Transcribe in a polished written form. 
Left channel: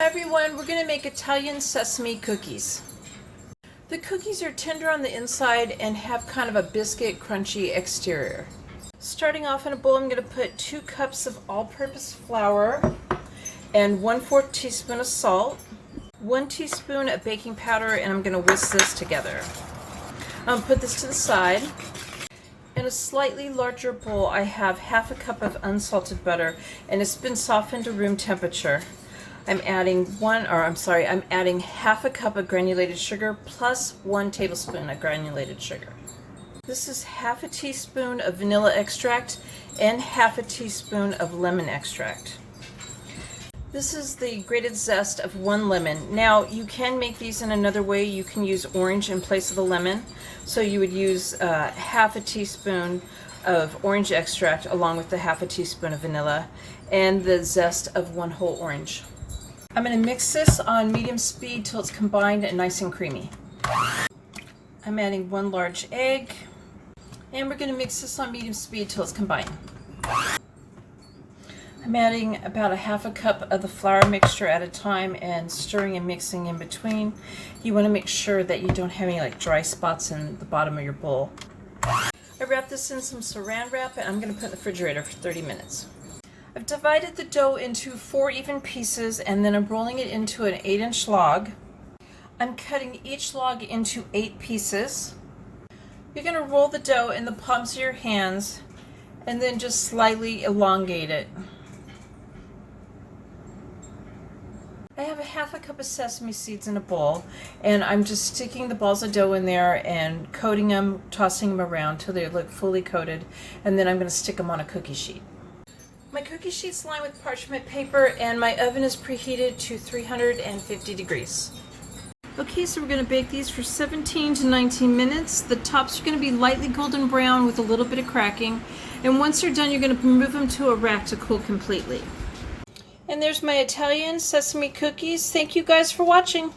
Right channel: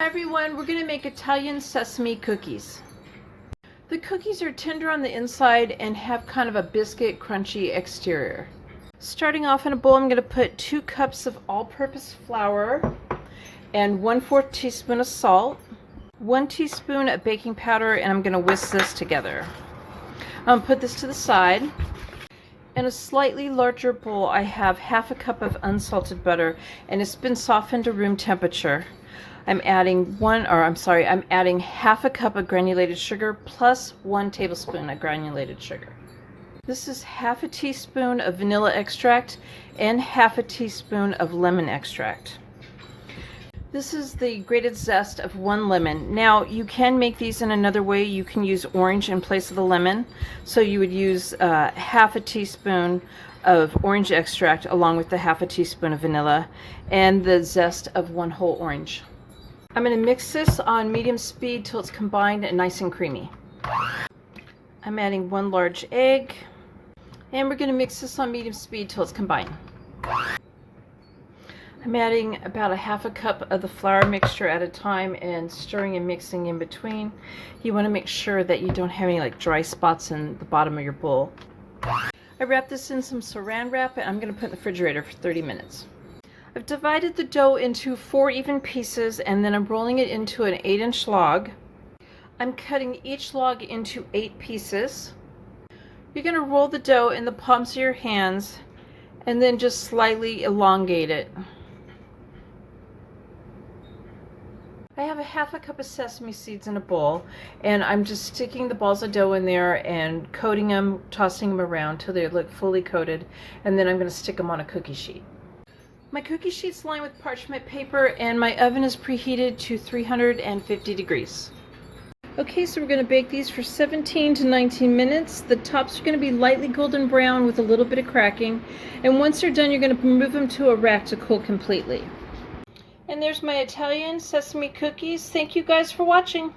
Hi everyone, we're going to make Italian sesame cookies. The cookies are tender on the inside and have kind of a biscuit crunchy exterior. Starting off in a bowl, I'm going to put 2 cups of all-purpose flour and 1/4 teaspoon of salt, 1 teaspoon of baking powder, and I'm going to whisk this together. I'm going to put this to the side. In a slightly larger bowl, I have 1/2 cup of unsalted butter, and it's been softened to room temperature. I'm adding 1/2 cup of granulated sugar plus 1 tablespoon of granulated sugar. This is 1/2 teaspoon of vanilla extract and 1/2 teaspoon of lemon extract. This is the grated zest of 1 lemon. Now you can make these in another way. You can use orange in place of the lemon. So you would use 1/2 teaspoon of orange extract along with the 1/2 teaspoon of vanilla and the zest of 1 whole orange. I'm going to mix this on medium speed till it's combined and nice and creamy. I'm adding 1 large egg, and we're going to mix this on medium speed till it's combined. I'm adding about 1/2 cup of the flour mixture at a time and stirring and mixing in between. You want to make sure that you don't have any dry spots in the bottom of your bowl. I wrap this in some saran wrap and I'm going to put it in the refrigerator for 30 minutes. I've divided the dough into 4 even pieces and then I'm rolling it into an 8-inch log. I'm cutting each log into 8 pieces. You're going to roll the dough in the palms of your hands and then just slightly elongate it. I have 1/2 cup of sesame seeds in a bowl and I'm just sticking the balls of dough in there and coating them, tossing them around till they look fully coated, and then I'm going to stick them on a cookie sheet. My cookie sheet's lined with parchment paper and my oven is preheated to 350 degrees. Okay, so we're going to bake these for 17 to 19 minutes. The tops are going to be lightly golden brown with a little bit of cracking, and once they're done you're going to move them to a rack to cool completely. And there's my Italian sesame cookies. Thank you guys for watching.